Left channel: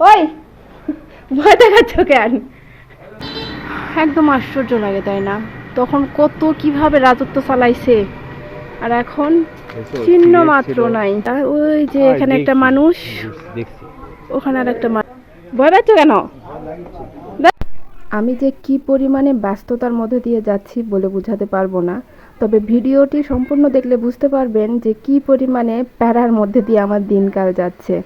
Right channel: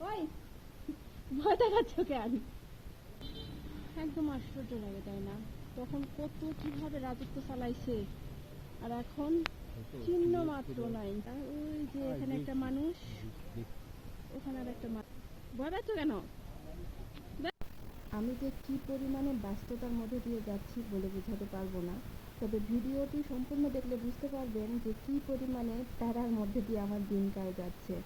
ওই ভয় দেখাচ্ছ কেন? একদম আশ্চর্য লাগে, তাই না? তখন কত কিভাবে রাজত্ব চালাইছে, আর এখন চিহ্ন মাত্র নাই। আর ওই যে এখানে একটা মানুষ, ওখানে আর একটা মানুষ। ভয় পাচ্ছ কেন? আমি যে কি পরিমাণে ব্যস্ততার মধ্যে দিয়ে যাচ্ছি বলে বোঝাতে পারবো না। তবে ভিডিওটি সম্পূর্ণ দেখলে বুঝতে পারবেন যে কি পরিমাণে প্যারার মধ্যে দিয়ে আমার দিনকাল যাচ্ছে।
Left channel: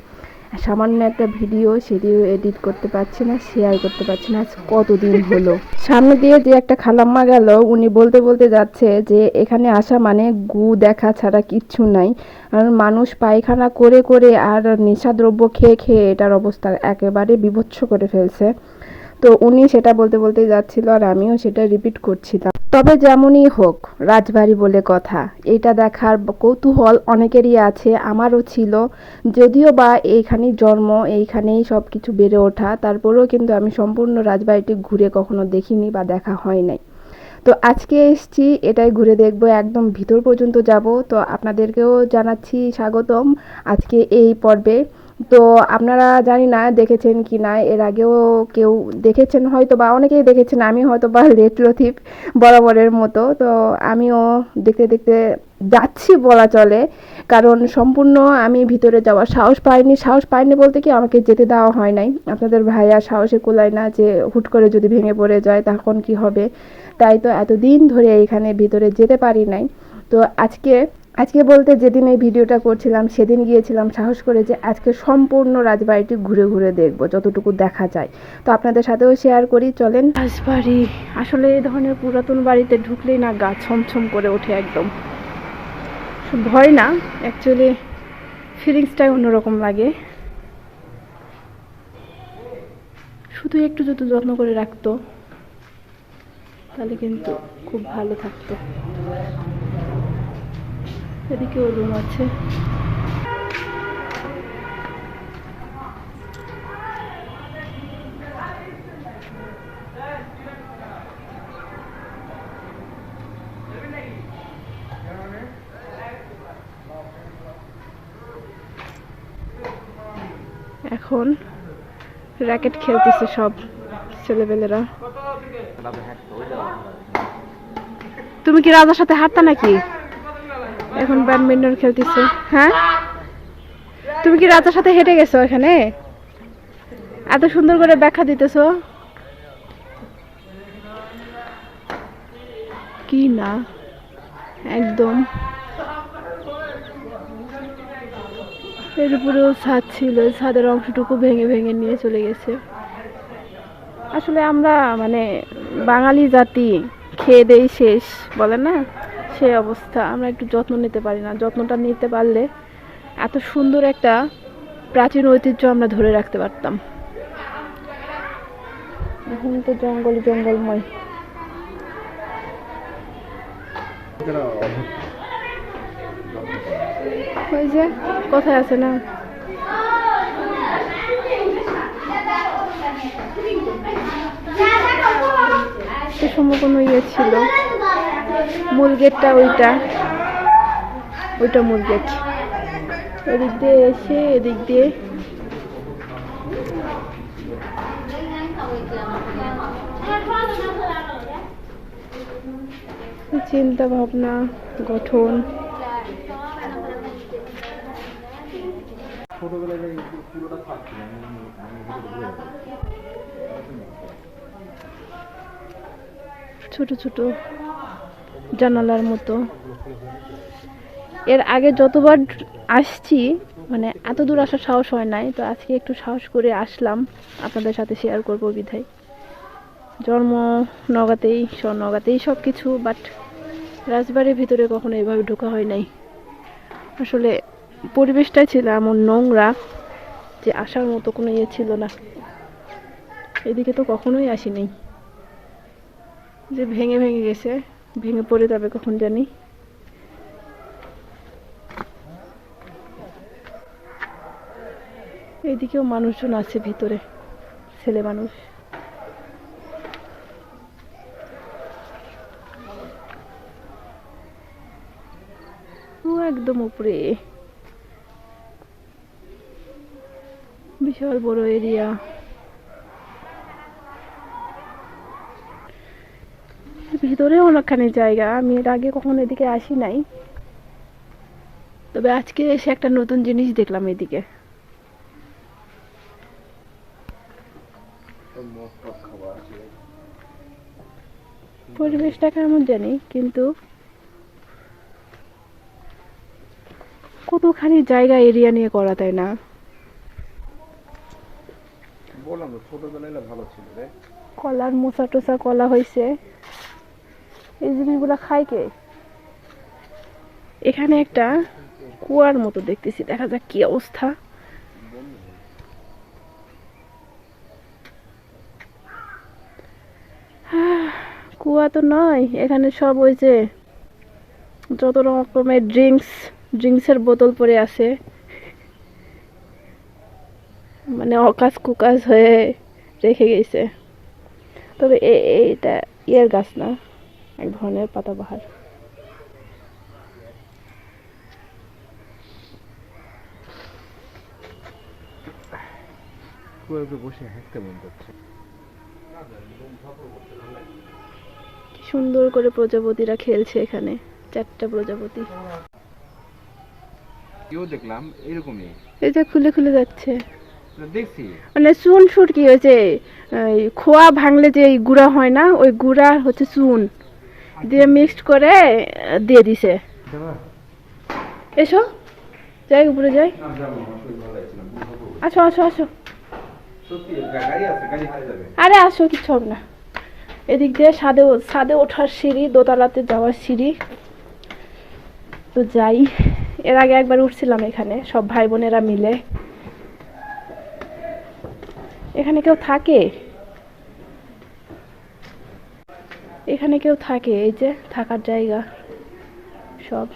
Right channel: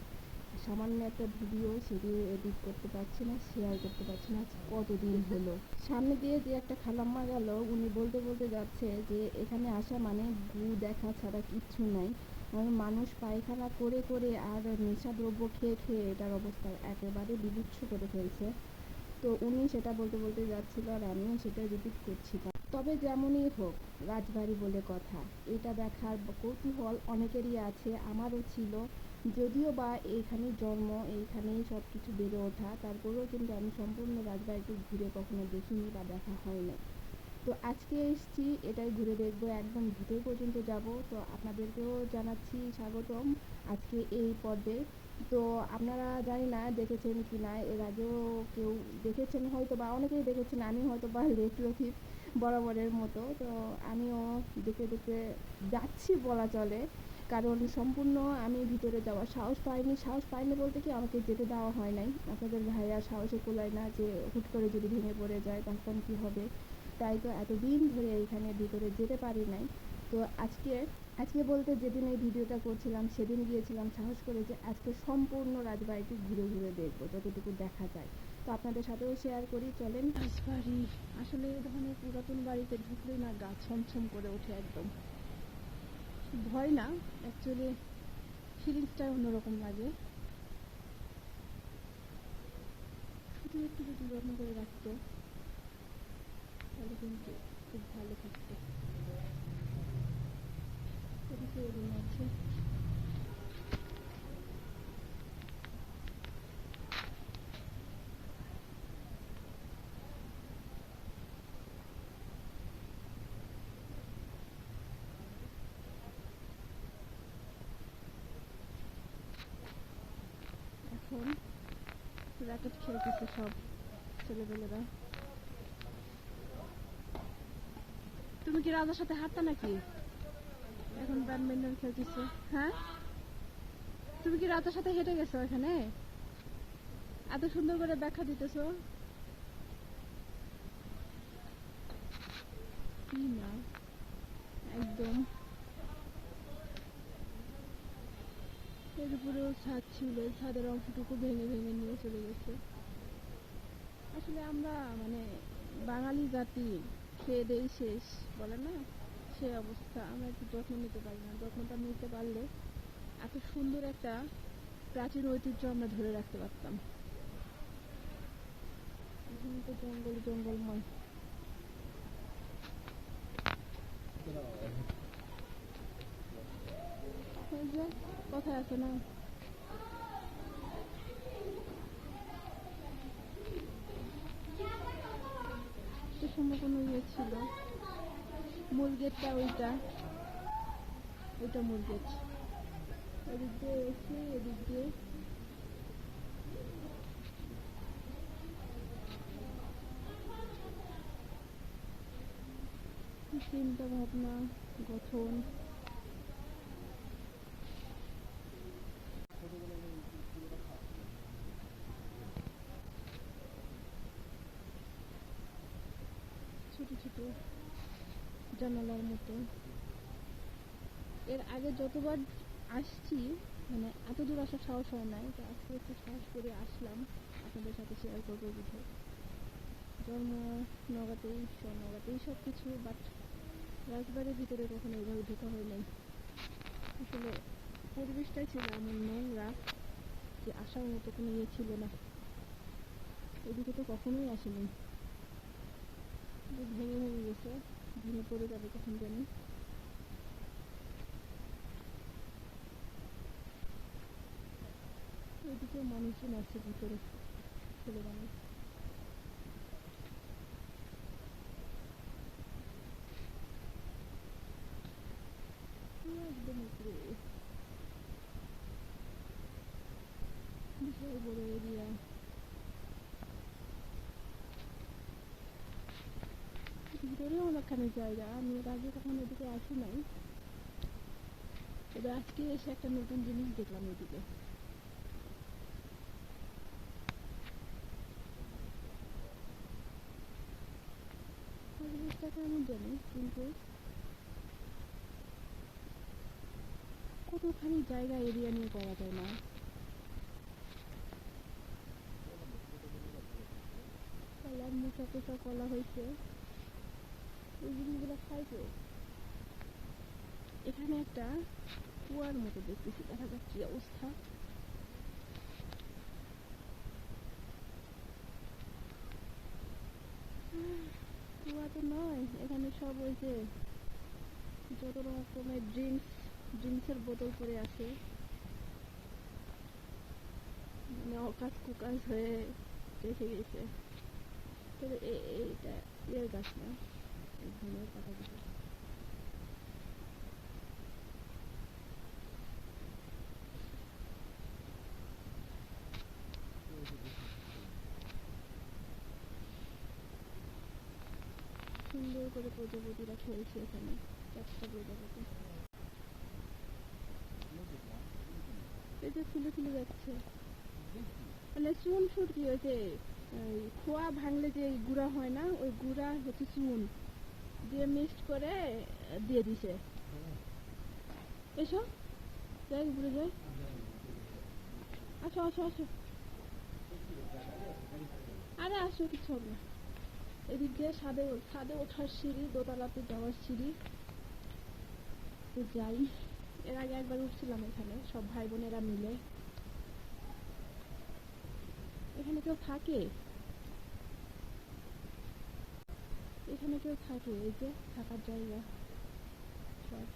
সামান্য একটা ভিডিও, সেটিও এডিট করতে পারছি না, শেয়ার করতে পারছি না। আজ কতদিন হলো। সামনে দিয়ে যে একটা খালাম্মা গেল, উনি বলতে বলতে যাচ্ছে যে এখানে আসা মানে গু দেখা ছাড়া কিচ্ছু নাই। আর মানুষ পায়খানা করে করে আর নেশাদ্রব্য খেয়ে খেয়ে এটার অবস্থা একেবারে বীভৎস করে ফেলছে। তো উনি সেটা বলতে বলতে যাচ্ছিল, আর আমিও সেটা রিপিট করছিলাম। তবে যেমনই হোক, রাজবাড়ি বলে কথা, এটা দেখার কৌতূহল অনেকেরই আছে, আমারও ছিল। যদিও বা এইখানেই জন্ম, এইখানেই সব কিছু বেড়ে ওঠা, তারপরেও কিন্তু আমি সম্পূর্ণ রাজবাড়িটি ঘুরে কখনো দেখিনি বা দেখা হয় নাই। তো আজকে এসছি, এটাই ঘুরে দেখবো, একদম ভিতর পর্যন্ত যাব। তো আপনাদেরকেও জানাচ্ছি স্বাগতম আজকে এই পর্বে। তো আপনারা জানি না দেখেছেন কি না, এর আগেও কেউ দেখেছেন হয়তো, বা অনেকেই দেখেছেন, আমি হয়তো বা লেট লতিফ বরাবরের মতো। তো আমিও দেখতে দেখতে যাচ্ছি বলা চলে, কারণ সম্পূর্ণ আমি ভিতরে যাওয়ার সাহস পাইনি বলতে কি, আমাকে যেতে দেওয়া হয় নাই। আপনাদের ভাইয়া সাহসে কুলায় না, যে হুট করে যদি ভেঙে পড়ে যায় তখন কি হবে। তাই তো এতদিন ধরে এইখানে ভিতরে যেতে পারি নাই। তো আজকে আজকে বলতে যেদিন এই ভিডিওটা করছিলাম সেদিন গিয়েছিলাম সাহস করে, যে আজকে সম্পূর্ণ রাজবাড়িটি ঘুরে ঘুরে দেখবো যতটুকু দেখা যায়। তো আপনাদের সাথেও শেয়ার করি, চলেন। রাজবাড়ি আসলে এই ধরনের পুরাতন বাড়িতে ঢুকলেই না গা ছমছম করে ওঠে একদম। ভয় না, অ্যাকচুয়ালি ফিলিংসটাই অন্যরকম লাগে। শুধু একটু যদি যত্ন করে রাখতো তাহলে কিন্তু খুব ভালো থাকতো। এদিকেও রুম আছে। এখন র্যাকেট খেলতেছে সব ছেলেবেলেরা। তুমি কি রাজার সাথে হাঁটতা নাকি? এখন ব্যাডমিন্টন খেলতেছে। হ্যাঁ, তুমি কি রাজার সাথে হেঁটে গেছো এখানে? এত সুন্দর করে ব্যাখ্যা দিতেছো কি না, একদম। এর উপরেও ছাদ ছিল, ছাদের অংশটুকু ভেঙে ভেঙে নিয়ে চলে গেছে। আসলে আমরা মানে বাঙালি জাতি, খেয়ে দেই শেষ বলে না, সেই অবস্থা। আমরা একটু যত্ন নিতে পারি না। যত্নটা নিতে পারলে এত সুন্দর একটা প্রাচীন ঐতিহ্য আমরা ধরে রাখতে পারতাম। এখন তো জঙ্গল জঙ্গলময়। ওই যে কথায় আছে না, সে সময় কোনো ইয়ে ছিল। মূল গেটটা ওইটা, ওইটা মূল গেট। এদিক দিয়ে এসে এদিক দিয়ে চিন্তা ভাবনা গঠন। ছোট ছোট জানালার মতো। এর আগে যতবার আসছি মানে এত দূর আসার সাহস হয় নাই, তো আজকে একটু সাহস করে আসলাম, আপনাদের সাথে শেয়ার করবো বিধায়। জন্ম নগাতেই, নগাতেই সব কিছু, বাট রাজবাড়ির ভিতরে কখনো এভাবে ঢোকা হয় নাই। আসলে পরিবেশটাই ছিল এমন নোংরা যে আসার মতো কোনো ইয়ে ছিল না। এদিকে তো কখনোই আসিনি, যে ভেঙে ভেঙে গেছে, ভেঙে পড়ে যাবে কখন জানি। এইদিকেও মানুষজন আছে ভিতরে, ছেলে মানুষ। ও একদম উপরে, বিশাল বড় এরিয়া। ভিতরে অনেকখানি জায়গা, আমি এর আগে কখনো এদিকে আসি নাই, তবে আজকে এসে একটা নতুন জিনিস দেখলাম এদিকে। পরিবেশটা কেমন জানি, কিন্তু কতখানি জায়গা এরিয়া নিয়ে করা, তাই না? কলার মোচা টোচা কলা হয়েছে, এই জিনিসগুলা খায় কে? এখানে একটা কুয়ার মতো দেখতেছি, দেখা যাক কি অবস্থা। কুয়া তো নয়, এখানে সব ওই যে যত রকমের ড্রিঙ্কসের বোতল পড়ে আছে, মানে অকাজ কুকাজ হয়ে রেখে গেছে। তবে এইটা ইয়ের গাছ না, এক ধরনের পাতাবাহার। সুন্দর করে প্রজাপতিরা খেলছে এখানে, 4টা প্রজাপতি। দেখলাম এরকমই, এই যে খুলে খুলে যাচ্ছে, দেখছি মানে চুন সুর কি হয়েছে, খোয়া ভাঙলে যে গুঁড়া হয় না, ওই গুঁড়া হচ্ছে চুন দিয়ে মিক্সড করে দিয়ে দিছে। এসো, যাই উপরে যাই। আসো আসো আসো, আরে আসো, কিছু হবে না। এদিক দিয়ে ছাদে ওঠার সিঁড়ি, দোতলাতে যাওয়ার সিঁড়ি। তো যাই, এর আগে একবার উঠছিলাম এখানে সব ভাই বোনেরা মিলে। এখানে কেউ থাকে? এখানে কেউ থাকে? এই যে থাকার জায়গা সব।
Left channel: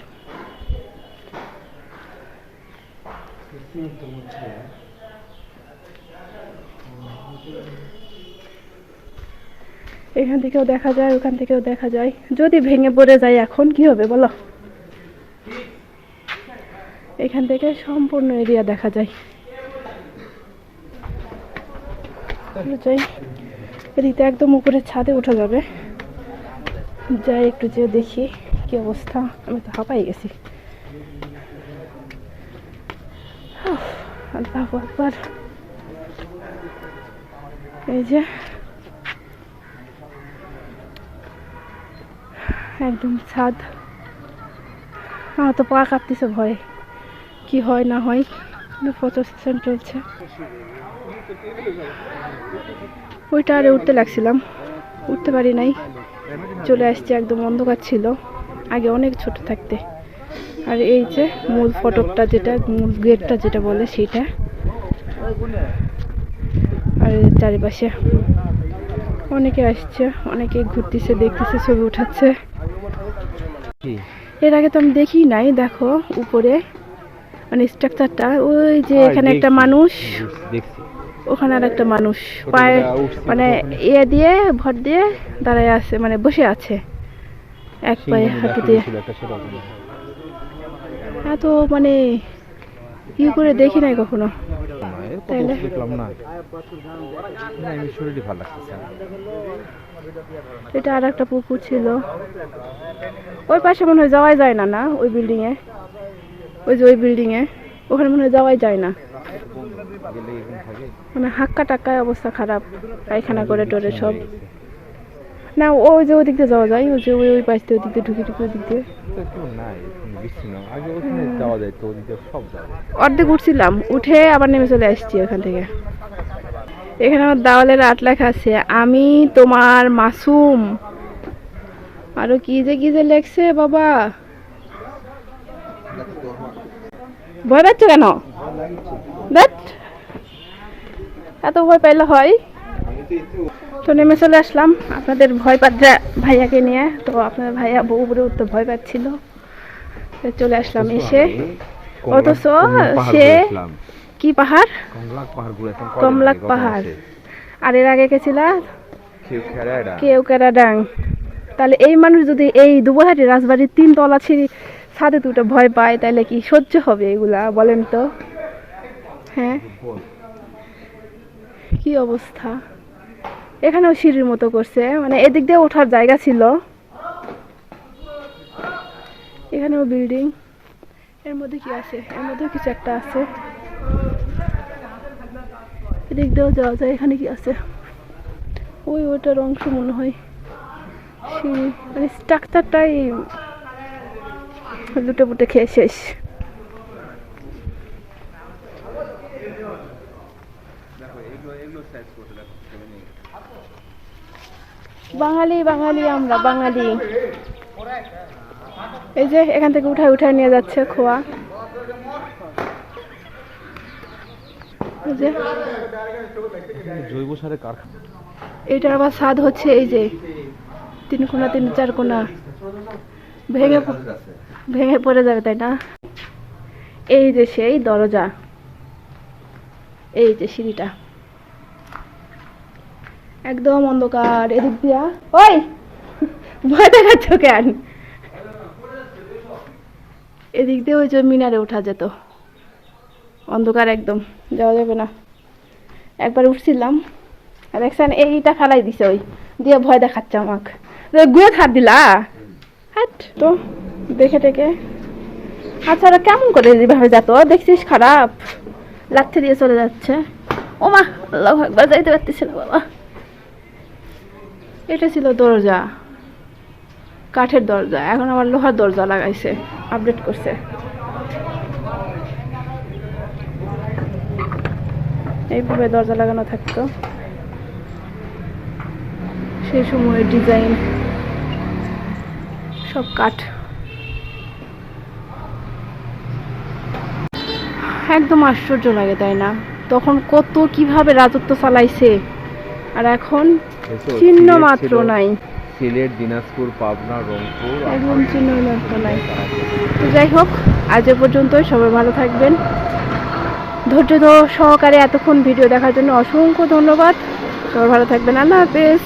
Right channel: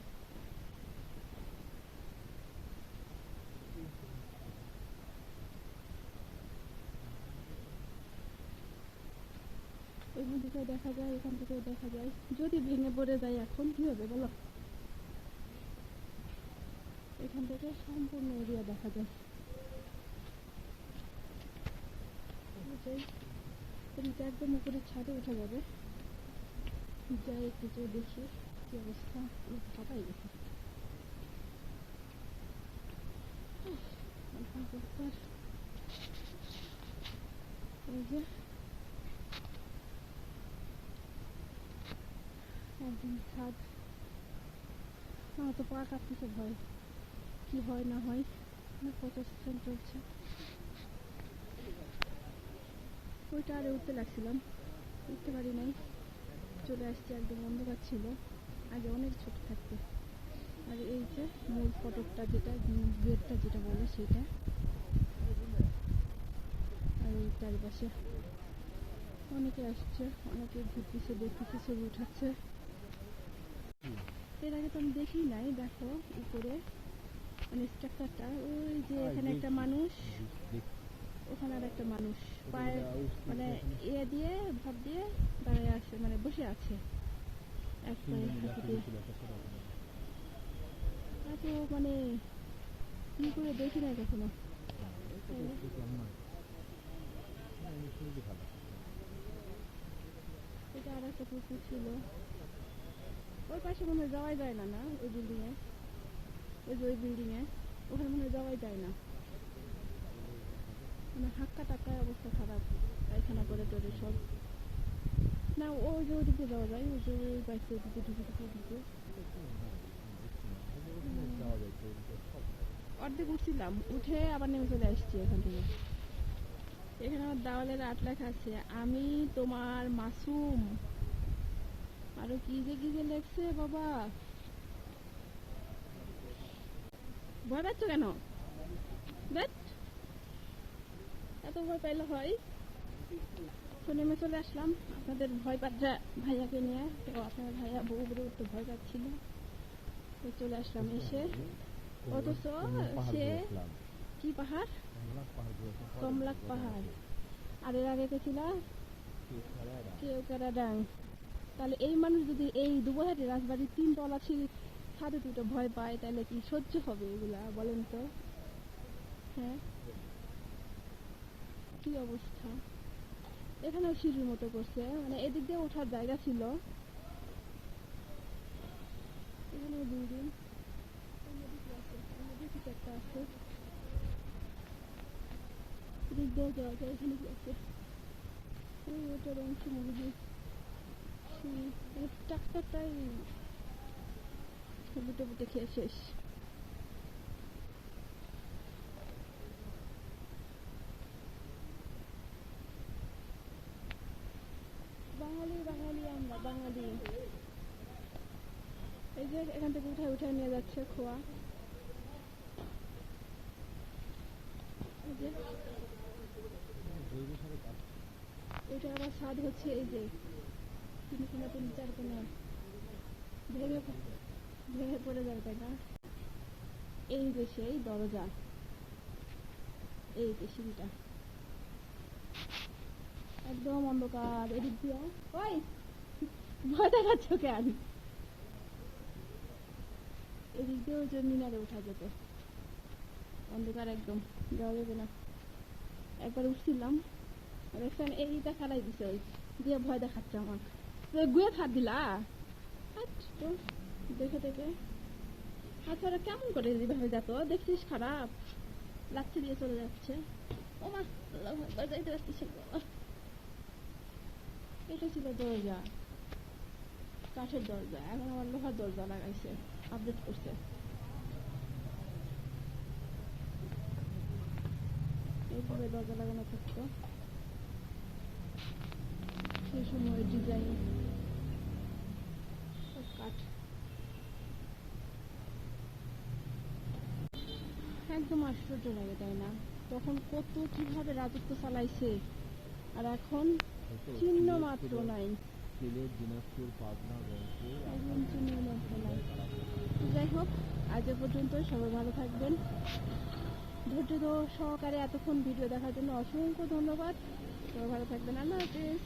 এখান থেকেও দেখা যায়, ওখান থেকেও দেখা যায়। যদি ভেঙে পড়ে যায় এখন কি হবে বলো? এখান থেকে সম্পূর্ণ এরিয়া দেখা যায়। যাই, এদিকে একদম উপরে ছাদে ওঠা যাবে। যাই একটু যেয়ে দেখি কি অবস্থা। আমি তো হাঁপাই গেছি। আল্লাহু আকবার। এই যে একদম ছাদ। আমার তো পা কাঁপতেছে ভয়, কি হয় না হয়। ফটো সেশন চলছে, ওইটা আরে উঠতে লাগছিলাম, উঠতে পারি নাই, চলে আসছে। একদম অন্ধকার ছিল আগে অনেক ছোট থাকতে। আর এই যে মূল ফটকটা, যেটা মূল গেটটা যেটা বলে সেটা। আর চারিপাশে অনেকে আসছে, অনেকে ঘুরতেছে, দেখতেছে, ছবি উঠাচ্ছে। এর আগে তো আমি দেখি নাই। দেখো উপরে মানে স্ট্রাকচারটা, ওই যে এখানে একটা মানুষ, ওখানে আর একটা মানুষ পায়ে মানে ইয়ে দিয়ে ভর দিয়ে দাঁড়ায় আছে, মানে বসে আছে এক পায়ে হাঁটু দিয়ে। এত মানে ই করে দেখি নাই কখনো, তাইলে এটা আর একটা পুকুর ছিল। ওই পাশে মনে হয় যাওয়াই যায় না, না ওই বিল্ডিং এ, ওই যে ওই বিল্ডিং এ, ওখানে মনে হয় যাওয়াই যায় না, মানে হাক্কা টাক্কায় অবস্থা খারাপ, পায়খানা করে টোরে সব। না ওই যে ওই দিক দিয়ে যাওয়া যায়, ওই যে ওই পাশ দিয়ে ওই দিক দিয়ে ঢুকে ঢুকে ওই দিক দিয়ে অর্ধেক উঠছিলাম, উঠে আবার নেমে চলে আসছি ওখান থেকে। এখানে আমার দেওয়ালের আট লেখা আছে, আমি তোমার মাসুম। আরো কি যে লেখছে বাবা। ভয় পাচ্ছ কেন? এত ভয় পাইলে হয়? তো নেমে চলে আসলাম আপনাদের ভয় পাত্রা ভাইয়াকে নিয়ে। তো আপনার ভাইয়া বউ উপরে উঠতে ভয় পাচ্ছিল, চলে আসলাম। এসে অথচ সে কি পাহাড়, কমলাক পাহাড়। আর এর আগে গেছিল কেওক্যারাডাং। তাহলে এই মানুষ যদি এই দুবহাটি রাজবাড়ির 3 তলা ছাদে দুটো ভয় পায়, তাহলে কি সহ্য হবে এগুলা বলেন তো? হ্যাঁ, কি অবস্থা, এখানেও সিঁড়ির মতো করছে, মানে এদিক দিয়ে ওঠার জায়গা ছিল, এখানেও বিল্ডিং, এর মধ্যে কি আছে, এর মধ্যে কিছু একটা আছে, এদিক দিয়েও যাওয়া যায়, এখানে কি আছে, ওইটার অংশ মনে হয় সিঁড়ি, মানে স্ট্রাকচারটাই লুটে পুটে খেয়ে শেষ। বাঙালি বাঙালি আমরা বাঙালি। এই যে এখান থেকে উঠায় উঠায় নিয়ে যাচ্ছে খোয়া, এই যে জৈব সারের কারখানা। এইটার আবার স্বাদ হচ্ছে এই যে 3 কোনা 3-4 কোনা ভেঙে ভেঙে পড়ে যাবে, তাই না? এই যে সেই দরজা, এই যে সিঁড়িটা একদম অন্ধকার, এদিক দিয়া ওই ভয় দেখাচ্ছ কেন? এদিক দিয়ে ওই যে মিনারে ওঠা যেত, অন্ধকার একদম, যাওয়া যাবে না। একবার উঠছিলাম আর একসান এইটা ফালাই দিছে, ওই দিয়ে ভয় দেখাচ্ছে আমাকে, গুয়ে হাত দিলা হাট তো দেখে টেকে। আচ্ছা ওরা কেমন করে যেভাবে যেত দেখছিস, খারাপ লাথি দিয়ে চলে যাচ্ছে। ও মা, আল্লাহ একবার যাইতে পারতেছে না বাবা। এটা ছিল দরজা, কাঠের দরজা, এখন আবার লোহার দরজা লাগাইছে, আপডেট করছে। এইভাবে দরজা লাগানো থাকতো, সেই সময়ের ডিজাইন, সব কাঠ, একদম আশ্চর্য লাগে, তাই না? তখন কত কিভাবে রাজত্ব চালাইছে, আর এখন চিহ্ন মাত্র নাই। সিলেট, দিনাজপুর, পাবনা, রংপুর, একদম চিহ্ন মাত্র নাই। তো যাই হোক, আজ এ পর্যন্তই। সবাই ভালো থাকবেন। ধৈর্য সহকারে এতক্ষণ ভিডিও দেখার জন্য অসংখ্য ধন্যবাদ। সবাই ভালো থাকবেন। আল্লাহ হাফেজ।